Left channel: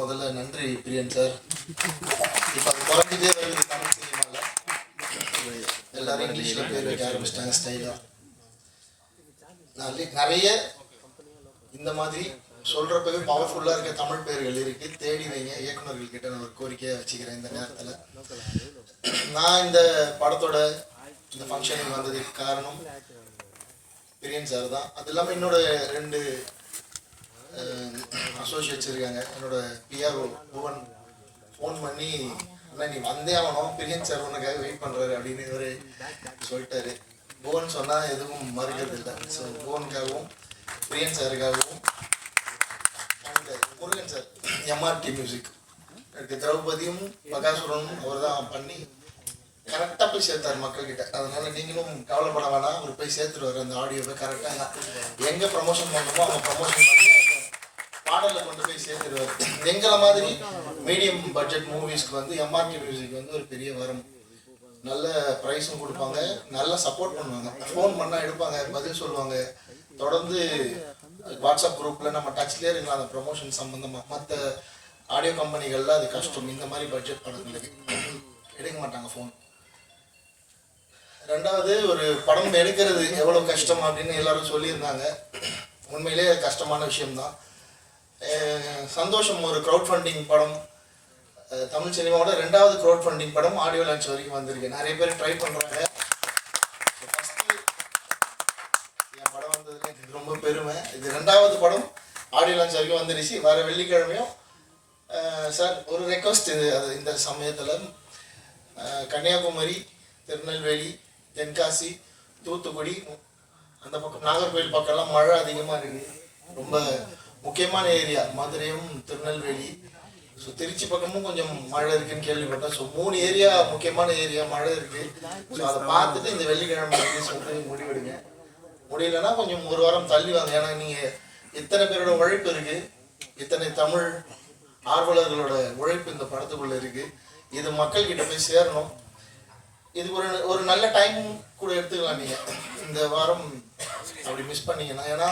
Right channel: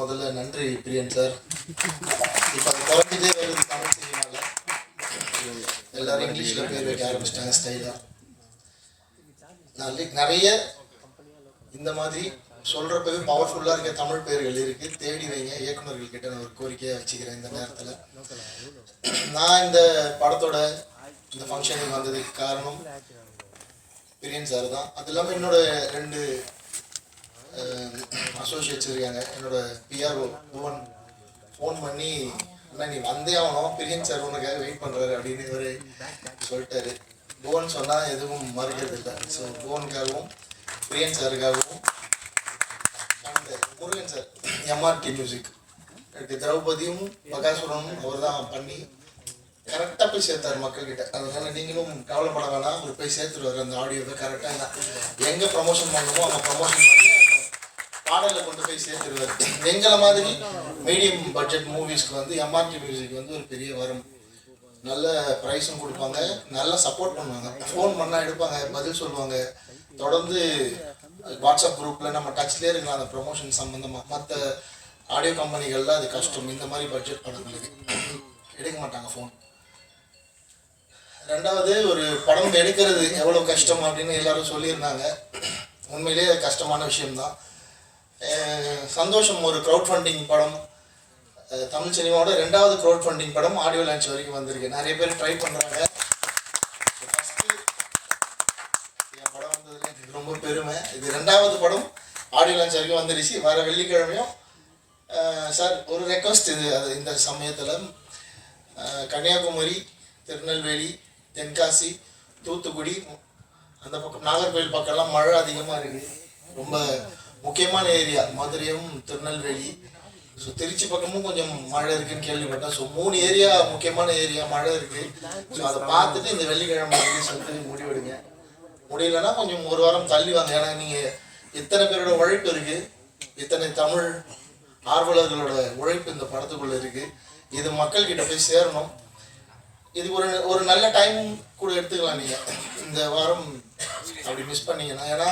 முதல்ல நன்றி பிரியன் சார். இப்போ அது குறைஞ்சதே வருது தமிழ் சினிமாவில். எல்லாரும் இங்கிலீஷில் பேர் வைக்க ஆரம்பிச்சிட்டாங்க ஸ்டைலாக. நிறைய இந்த மாதிரி சொல்கிறப்பவே பவர்ஃபுல்லாக இருக்க தமிழ் பேர்கள் இருக்குது, தேடி வைங்க. இயக்குநர்கள் கிட்ட நான் ஒரு கோரிக்கையாக வச்சுக்கிறேன் இந்த நேரத்தில். நான் இந்த படத்தோட இந்த ஃபங்க்ஷனுக்கு வந்ததுக்கு காரணம் பிரியன் சார் தான். அது இல்லாமல் என்னோட 2 அசோசியேட்ஸ் இருக்காங்க. என்னோட பிஆர்ஓ புவன் ஃபோன் பண்ணி, அண்ணா நீ வந்தே ஆகணும், பிரியன் சார் உனக்காக வெயிட் பண்ணுறாரு அப்படின்னு இவர் சொல்லிட்டாரு. புவன் சொன்னால் எதுவும் மறுக்கிறது இல்லை. ஸோ புவனுக்காகவும் பிரியன் சாருக்காகவும் and Murugan sir MRT music எனக்கு திரௌபதியும் பகாசுரனும் அவர் தான் பண்ணி கரெக்டாக போய் சேர்த்தாரு மக்கள்கிட்ட. அதனால நீங்களும் கவலைப்பட வேணாம், அவர் போய் சேர்த்துருவார் அந்த ஆடியோவை கரெக்டாக. எங்கே ப்ரமோஷன் பண்ணணுமோ அவங்க ப்ரமோஷன் பண்ணி பாடலில் கொண்டு போய் சேர்த்துருவார். எங்களை மாதிரி மீடியம் பட்ஜெட் மூவிஸ்க்கு வந்து எம்ஆர்டி மியூசிக் வந்து ஒரு பெரிய வரம். நல்ல ப்ரைஸும் கொடுப்பாங்க, நல்லா சப்போர்ட் பண்ணுவாங்க. ஃபோன் பண்ணால் எடுப்பாங்க, பதில் சொல்லுவாங்க. தொடர்ந்து வாட்ஸ்அப் குரூப்பில் நம்ம டச்லேயே இருக்கலாம் அந்த ப்ரமோஷன் சம்மந்தமாக. மற்ற ஆடியோ கம்பெனிகளில் அது கஷ்டம். இந்த மாதிரி பட்ஜெட் படங்களுக்கு எடுக்க மாட்டாங்க ஃபோன். ரெண்டாவது, ஒரு படம் எடுக்கிறது எவ்வளோ கஷ்டம் அப்படின்னு எல்லாரும் சொல்லியிருந்தாங்க. உண்மையிலேயே கஷ்டமான விஷயம்தான். சந்தோஷம் ஒரு க்ரௌட் ஃபண்டிங் படம், தமிழ் சினிமாவோட 2வது க்ரௌட் ஃபண்டிங் படம் ஆடியோ லான்ச் வரைக்கும் வந்திருக்கு. நிறைய பேர் ட்ரை பண்ணுறாங்க. ஃபஸ்ட்டு என் படம் வந்ததுல எனக்கு ரொம்ப பெருமை. இது 2வது படம் ஆடியோ லான்ச் வரைக்கும் வந்துருச்சு. வர வெள்ளிக்கிழமையும் சார் ஒரு ரெக்வஸ்ட், இது அது இந்த சமயத்தில் கன்னியாகுமரி, திருநெல்வேலி, தென்காசி, தூத்துக்குடி, அந்த பக்கம் நாகர்கோவில் பக்கம்லாம் மழை அதிகமாக இருக்குது. ரொம்ப முக்கியமான ஏரியா மதுரையும் திருநெல்வேலி. ஸோ திருச்சி பக்கமும் கொஞ்சம் மழை இருக்குன்னு கேள்விப்பட்டேன். ஸோ 3 ஏரியா முக்கியமான ஏரியா மழை இருக்குது. ஸோ அதை பார்த்துட்டு இந்த வெள்ளிக்கிழமை சொல்லிட்டு முடிவெடுங்க. முடியலன்னா கொஞ்சம் ஒரு வாரம் தள்ளி வாங்க. ஏன்னா நீங்கள் இத்தனை பேரோட உழைப்பு இருக்குது, இத்தனை தமிழ் ஆர்வலர்களோட உழைப்பு இந்த படத்துக்குள்ளே இருக்குது. இது மக்கள்கிட்ட போய் சேரணும். இது ஒரு நல்ல டைம் கூட எடுத்துக்கலாம் நீங்கள் இந்த வாரம் அப்படி மிஸ் பண்ணீங்கன்னா. ஏன்னா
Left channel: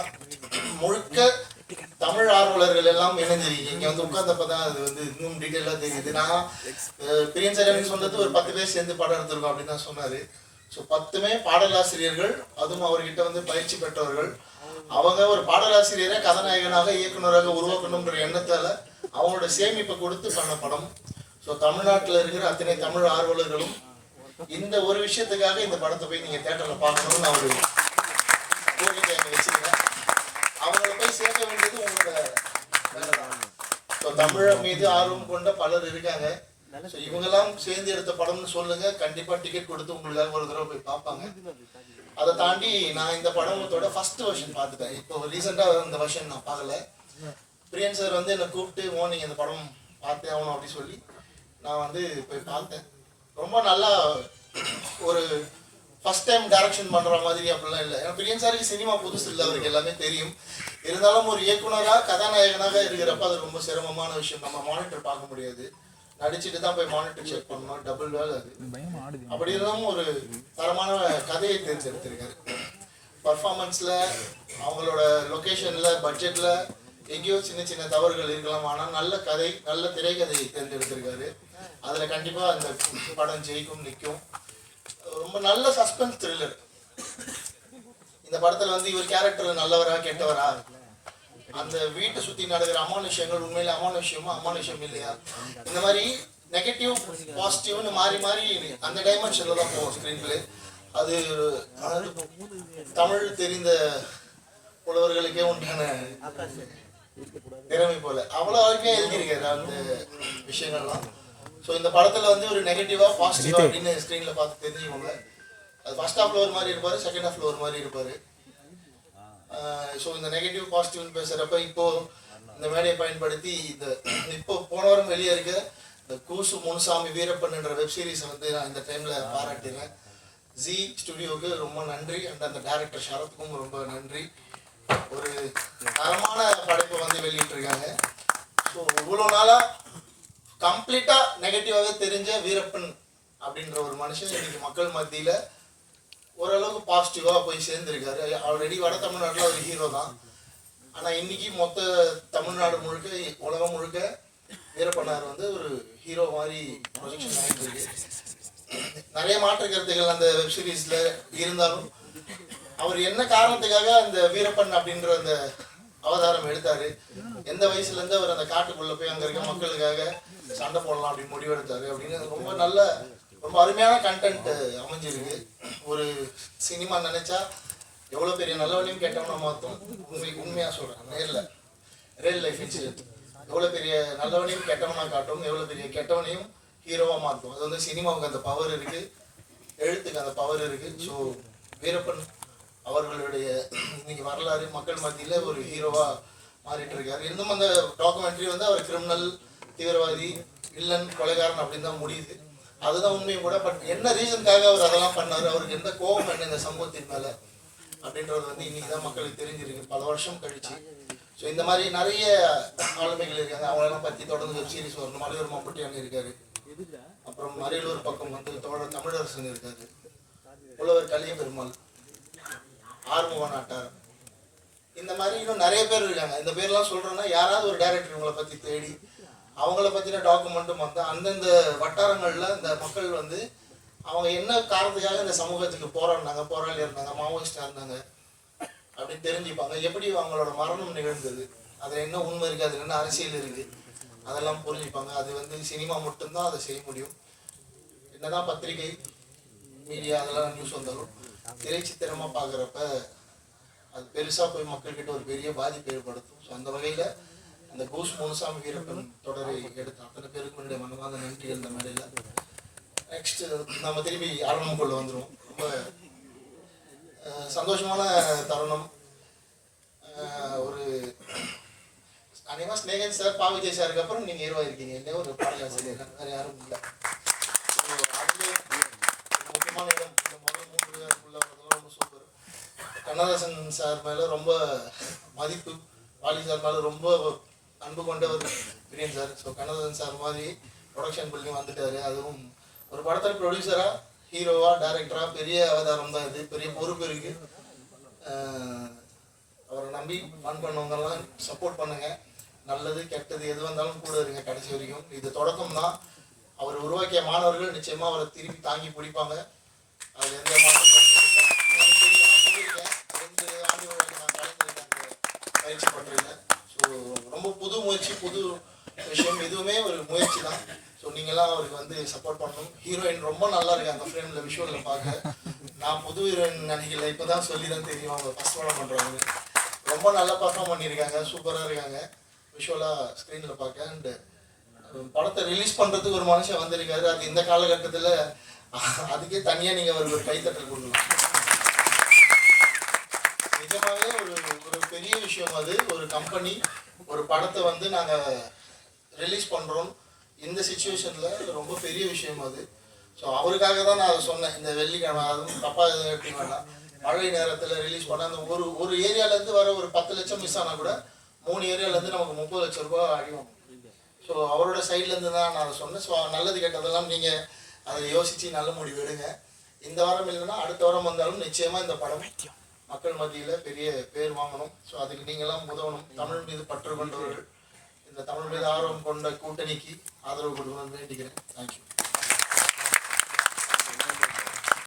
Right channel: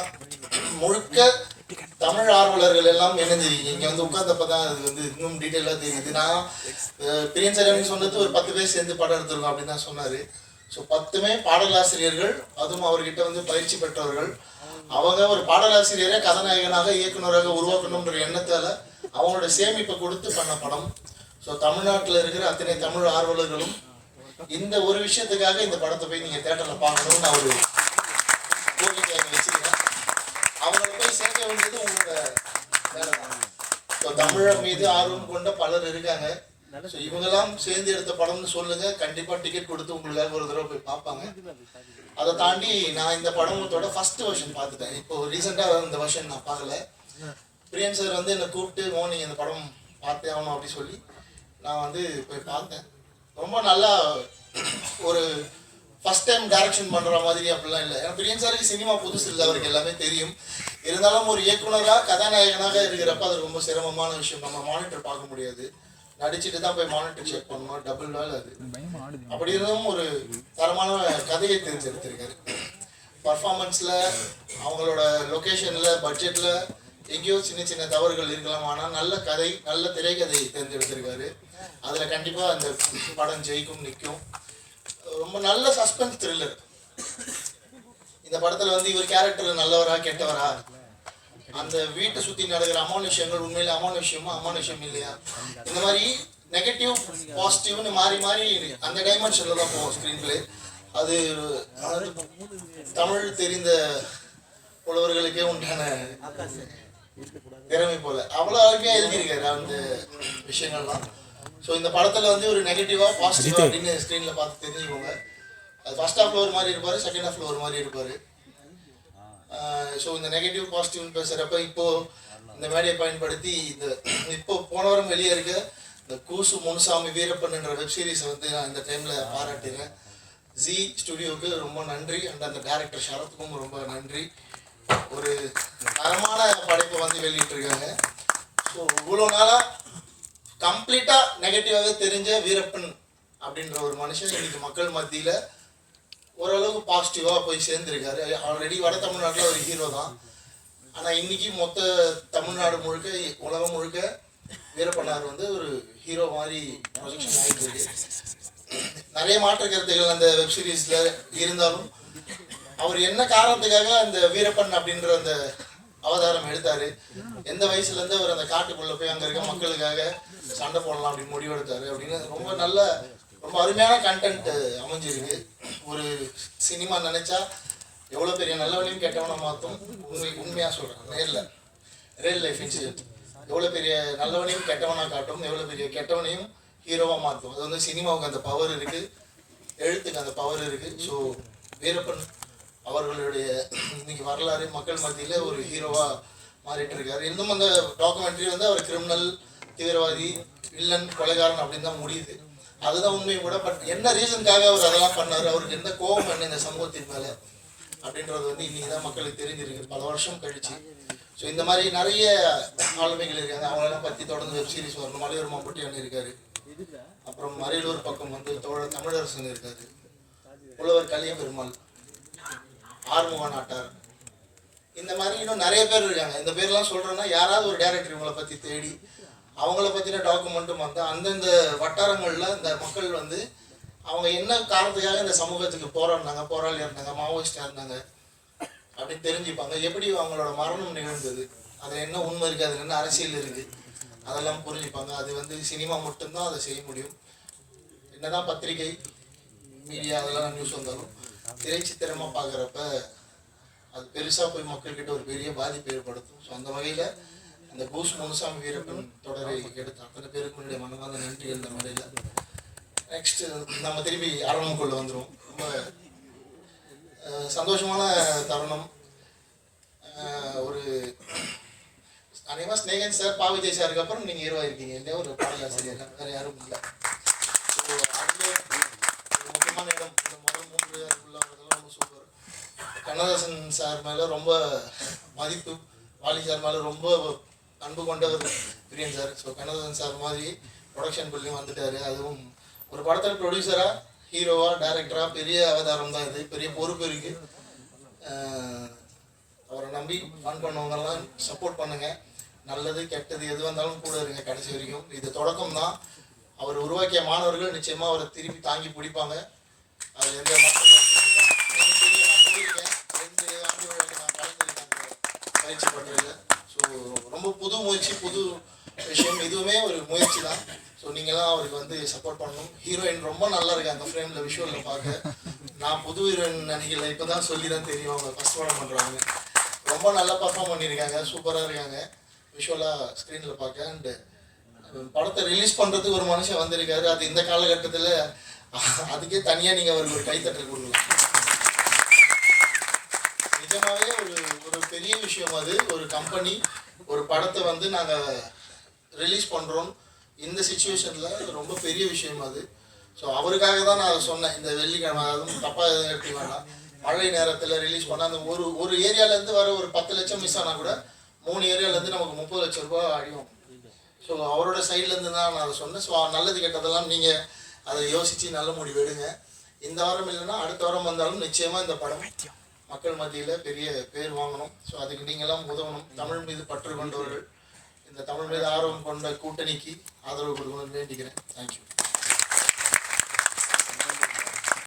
முழுக்க தமிழ் ஆர்வலர்கள் எல்லாம் இணைஞ்சிருக்கீங்க. இங்கே வந்து உட்கார்ந்தப்ப தான் அது வந்து இன்னும் டீட்டெயிலாக தெரியுது. நான் பிரியன் சார் எனக்கு சொன்னது ஒரு 10 பேர் சேர்ந்து படம் எடுத்துருக்கோம் அப்படின்னு தான் சொன்னார். ஸோ 10மே பாடலாசிரியர்கள், அதுவும் அவர்கிட்ட வந்து பயிற்சி பெற்றவர்கள். அவங்க ஒரு பாடலாசிரியரை கதாநாயகனாக இயக்குநராக உருவாக்கணுன்ற எண்ணத்தால் அவங்களோட சேமிப்பை கொடுத்து பண்ண படம். ஸோ தமிழ்நாட்டில் இருக்கிற அத்தனை தமிழ் ஆர்வலர்களும் இந்த ஒரு விஷயத்துக்காக இந்த படத்தை போய் நீங்கள் தேட்டரில் பார்க்கணும்னு அவர் கோரிக்கை வச்சுக்கிறேன். அவங்களை போய் சேர்க்க வேண்டியது உங்களோட வேலை தான். ஸோ தமிழ் மீது ஆர்வம் கொண்ட பலர் இருக்காங்க. ஸோ இவங்கெல்லாம் சேர்ந்து எடுத்த படம்னு சொல்லுங்கள். கண்டிப்பாக டிக்கெட் கொடுத்து உங்களுக்காக ஒரு தடவை போய் பார்ப்பாங்க. அதை தாண்டி நான் இந்த படத்தோட ஃபர்ஸ்ட் வெர்ஷன் பார்த்துட்டேன். இப்போ ரீசெண்டாக இந்த வெர்ஷன் நான் பார்க்கல. பிரியன் சார் வந்து என்னை கூப்பிட்டு நீங்கள் இந்த படம் பார்த்தே ஆகணும் அப்படி சொல்லி நான் வந்து போய் பார்த்தேன். ரொம்ப நல்லா ஒரு ஃபஸ்ட் டைம் டைரக்ஷன் பண்ணுற மாதிரி அப்படிலாம் இல்லை. ஏன்னா பிரியன் சாருக்கு சினிமா புதுசு இல்லை, அவருக்கு எல்லாமே தெரியும். இருந்தாலும் ஒரு இயக்குனராக கதாநாயகனாக இருக்கிறப்ப அது ரொம்ப சிரமமான விஷயம். நம்ம மானிட்டர் பார்க்க முடியாது, நடிச்சுட்டு தான் போய் மானிட்டர் செக் பண்ணணும், டபுள் வேலை அது. அப்படி இருந்தாலும் ஒரு தரமான கதையை தேர்ந்தெடுத்திருக்காரு. பர்ஃபார்மன்ஸில், அவங்களோட லொக்கேஷனில், பட்ஜெட்டில் எங்கேயோ சின்ன சின்ன தவறுகள் இருக்கலாம். ஆனால் நல்ல கதை, நல்ல திரைக்கதையை தேர்ந்தெடுத்திருக்காரு. அதில் கண்டிப்பாக அந்த படம் ஜெயிக்கும், நிற்கும். ரொம்ப நல்ல சஸ்பென்ஸ் த்ரில்லர். இந்த படத்தில் வந்து இவர் கேரக்டர் நல்லவரா கெட்டவரா, அந்த வீட்டை சுற்றி நடக்கிற அமானுஷ்யங்கள் உண்மையில அமானுஷ்யமா அமானுஷ்யம் இல்லையா, இந்த மாதிரி நெகட்டிவ் பாசிட்டிவ்னு மாறி மாறி அந்த டைமென்ஷனில் தான் போவோம் ஸ்க்ரீன் பிளே. அது தமிழ் தெரிந்த புலவர்களுக்கே உண்டான திறமை போல அவ்வளோ அருமையாக எழுதியிருக்காரு அந்த விஷயங்கள்லாம். ஸோ இந்த படத்தில் வந்து ஒரு நெகட்டிவாக பாசிட்டிவாக அப்படின்னு ஸ்க்ரீனில் பார்த்து தெரிஞ்சுக்கோங்க. அது ஃபர்ஸ்ட் ஹாஃபில் ஒரு மாதிரி இருப்பார், செகண்ட் ஹாஃபில் ஒரு மாதிரி இருப்பார். ஸோ இந்த நெகட்டிவ் பாசிட்டிவ்னு பேசுகிறப்ப இப்போது இந்த மேடையை பயன்படுத்தி இப்போ போன வாரம் வெளியே இருக்க இந்த கூசு முனுசாமி வீரப்பன் என்ற வெப் சீரிஸை வந்து நான் இந்த டைமில் பாராட்டுறேன். ஜி ஸ்டுடியோவுக்கு ரொம்ப நன்றி. அண்ட் அந்த டைரக்டர் ஷரத்துக்கும் ரொம்ப நன்றி. ஒரு தரமான படைப்பை வந்து வெளியிட்டிருக்காங்க. ஸோ இவ்வளோ நாளாக கம்ப்ளீட்டாக நெகட்டிவாகவே தெரிஞ்ச வீரப்பன் அப்படின்ற ஒரு மனுஷன் இன்னைக்கு மக்கள் மத்தியில் ஓரளவுக்கு பாசிட்டிவாக போய் சேர்ந்துருக்காரு. ஆல்ரெடி வட தமிழ்நாட்டில் ஒரு ஹீரோ தான். ஆனால் இன்றைக்கி மொத்த தமிழ்நாடு முழுக்க, உலகம் முழுக்க சார் வந்து ஒரு ஹீரோ மாதிரி ப்ரொஜெக்ஷன் ஆகிட்டு இருக்கு. நிறைய மாற்று கருத்துக்கள் அந்த வெப் சீரிஸில் இருந்தாலும் அவர் என்ன காரணத்துக்காக அந்த வீரப்பன் அப்படின்ற அந்த அவதாரம் எடுத்தார், எந்த வயசுலேருந்து அவர் அந்த காட்டுக்குள்ளே போய் அங்கே இருக்க மக்களுக்காக சண்டை போடலாம் அப்படின்னு முடிவெடுத்தார் அப்படின்னு ரொம்ப நல்ல ரொம்ப அருமையான கண்டென்ட் அமைஞ்சிருக்கு. ஒரு சினிமா நினச்சா எவ்வளோ பெரிய நல்லவனையும் கெட்டவனை மாற்றும். உண்மையாக சொல்கிறேன், ரியல் லைஃப் இன்சிடென்ட் எவ்வளோ பெரிய நல்லவனையும் கெட்டவனாக காட்டும், எவ்வளோ பெரிய கெட்டவனையும் ஹீரோவாக மாற்றும். அது வந்து சினிமாவுக்கு அந்த பவர் இருக்குது, எழுத்துக்கு அந்த பவர் இருக்குது. ஸோ வீரப்பன் அவர்களுடைய இன்னைக்கு வரலாறு மக்கள் மத்தியில் ஒரு ஹீரோவாக மாறிட்டு இருக்காரு. இன்னும் அந்த டாக்குமெண்ட்ரி வந்து அவர் கிரிமினல், தீவிரவாதி, வில்லன், கொலைகாரன் அப்படின்னு தான் முடியுது. அதுதான் உண்மையும் கூட. பட் என்ன ரீசனுக்காக அவர் அதெல்லாம் பண்ணார், அவருக்கு எந்த கோபம் என்ன இந்த சமூகத்தின் மேலே அப்படின்றது வந்து இன்னைக்கு தான் மக்களுக்கு தெரிஞ்சிருக்கு பல வருஷம் கழிச்சு. ஸோ இந்த மாதிரி நிறைய ஆளுமைகள் இருக்காங்க, அவங்களெல்லாம் பற்றி தொடர்ந்து வெப் சீரிஸ் வரணும். மலையூர் மம்புட்டியான் இருக்காரு, அப்புறம் அரியலூர் பக்கம் வந்து தோழர் தமிழரசன் இருக்காரு, புலவர் கலிய பெருமாள், ஆறுமுக நாட்டார், இந்த மாதிரி இன்னும் நிறைய பேர் இருக்காங்க. இந்த பேர்லாம் சொல்கிறேன்னா யாராவது ஒரு டைரக்டர் இவங்களை பற்றி தேடி அவங்கள பற்றின டாக்குமெண்ட்டும் வந்து அந்தந்த வட்டாரங்களில் இந்த மக்கள் வந்து அவங்க என்ன காரணத்துக்காக இந்த சமூகத்துக்கு போராடி இருந்தாங்க, மாவோயிஸ்டாக இருந்தாங்க அப்படின்னு தெரிஞ்சுப்பாங்க. எப்படி அவங்களோட மரணம் நிகழ்ந்தது, அதில் என்ன உண்மை இருக்குது, அதில் என்ன அரசியல் இருக்குது, அதெல்லாம் புரிஞ்சுப்பாங்க. அது வந்து சினிமா மட்டும்தான் அதை செய்ய முடியும். என்னதான் பத்திரிகை, மீடியா அதெல்லாம் நியூஸ் வந்தாலும் திரைச்சித்திரமாக பார்க்குறப்ப அது பெருசாக போய் மக்கள்கிட்ட ஒரு பெரிய பாதிப்பு ஏற்படுத்தும். ஸோ அந்த வகையில் அந்த கூஸ் முனுசாமி வீரப்பன் தொடரை எடுத்த அத்தனை பேருக்கு என்னுடைய மனமார்ந்த நன்றி. அந்த மேடையில் நெக்ஸ்ட் நம்ம திரும்பி ஆரம்பக்குள்ள வந்துடும். ரொம்ப சந்தோஷமான தருணம். ஒரு அநேகமாக ஸ்னேகன் சார், பா விஜய் சாருக்கு அப்புறம் நீங்கள் ஹீரோ இருக்கீங்க இல்லையா, ஒரு பாடலாசிரியர், வேறு யாரும் இல்லை. ஸோ அதுலேயே ஒரு முக்கியமான இடம் இந்த முதல் 3 அதுக்குள்ள வரதெல்லாம் ரொம்ப சூப்பர். கண்ணதாசன் சார் மேலே ரொம்ப மதிப்பு, வாலி சார் மேலே ரொம்ப அன்பு கொண்டவர் பிரியன் சார். ஸோ கண்ணதாசன் சார் மாதிரி ப்ரொடக்ஷன் பில்லையும் வந்துட்டார். அதுவும் ஒரு படத்தில் ப்ரொடியூசராக, ஹீரோவாக, டைரக்டராக பெரிய அவதாரம் தான் இது, பெரிய பொறுப்பு இருக்குது. அவரை நம்பி ஃபன் பண்ணவங்கெல்லாம் சப்போர்ட் பண்ணுங்கள். நல்லது கெட்டது எது வந்தாலும் கூட இருங்க கடைசி வரைக்கும். இது தொடக்கம் தான். அவர் உருவாக்கிய மாணவர்கள் நிச்சயமாக அவரை திருப்பி தாங்கி பிடிப்பாங்க. அது எந்த மாற்றம் இல்லை. எனக்கு தெரியும், நான் சொல்லியிருக்கேன் 2 ஆண்டுகள் நான் கலந்துருக்கேன் பயிற்சி பண்ணுறதுல. ஸோ ரொம்ப புது முயற்சி, புது விஷயம், எதுவுமே ஒரு முயற்சி தான். ஸோ நீங்களாம் அவருக்கு வந்து சப்போர்ட் பண்ணணும். ஹீரோயின் ரொம்ப நல்லா இருக்காங்க ஃப்ரேமில், விஷுவலில் பார்க்க. நான் புது ஹீரோயின் நினைக்கல, இப்போ தான் சொல்லி தான் தெரியும் அவங்க ஃபஸ்ட் படம் பண்ணுறாங்க. ரொம்ப நல்லா பர்ஃபார்ம் பண்ணியிருக்காங்க, சூப்பராக இருக்காங்க விஷுவலாக ஸ்க்ரீனில் பார்க்க. அண்டு படத்தை ரிலீஸ் பண்ணுறதுக்கு ஒரு மனுஷன் வந்திருக்காரு. அது இந்த காலகட்டத்தில் அதுக்கே தனியாக நீங்கள் அவருக்கு ஒரு கைத்தட்டல் கொடுக்கலாம். நிஜமாகவே ஒரு பெரிய விஷயம் அது. ஒரு கம்பெனி ஒரு படத்தை வந்து நாங்கள் ரிலீஸ் பண்ணுறோம் இந்த சிச்சுவேஷனில், ரொம்ப பெரிய விஷயம் அது. ஸோ அவருக்காக தான் நான் அதை சொன்னேன். இந்த வெள்ளிக்கிழமை அதுவும் தப்பாக எடுத்துக்க வேண்டாம், மழை நேரத்தில் ரிலீஸ் பண்ணால் அந்த ஒரு ஏரியாவிலேருந்து வர ஒரு 10 லட்சம் மிஸ் ஆனால் கூட 3 ஏரியாவிலேருந்து நமக்கு 30 லட்சம் ரூபாய் அடியும். ஸோ அவரோட சைட்லேருந்து தான் நான் அதை சொன்னேன். ஸோ நல்லது கெட்டதெல்லாம் நீங்கள் அதை யோசித்து நல்ல முடிவு எடுங்க. இந்த வாரம் இல்லைன்னா அடுத்த வாரம் வந்தாலும் நிச்சயமாக இந்த படம் மக்கள் மத்தியில் பெரிய பேர் வாங்கணும். ஸோ அதுக்கு நீங்களாம் உதவணும். தமிழ் மீது பற்று கொண்டவர்கள், இந்த தமிழ் மீது ஆர்வம் கொண்ட கூட்டணிக்கு ஆதரவு கொடுக்கணும்னு வேண்டிக்கிறேன். தேங்க்யூ.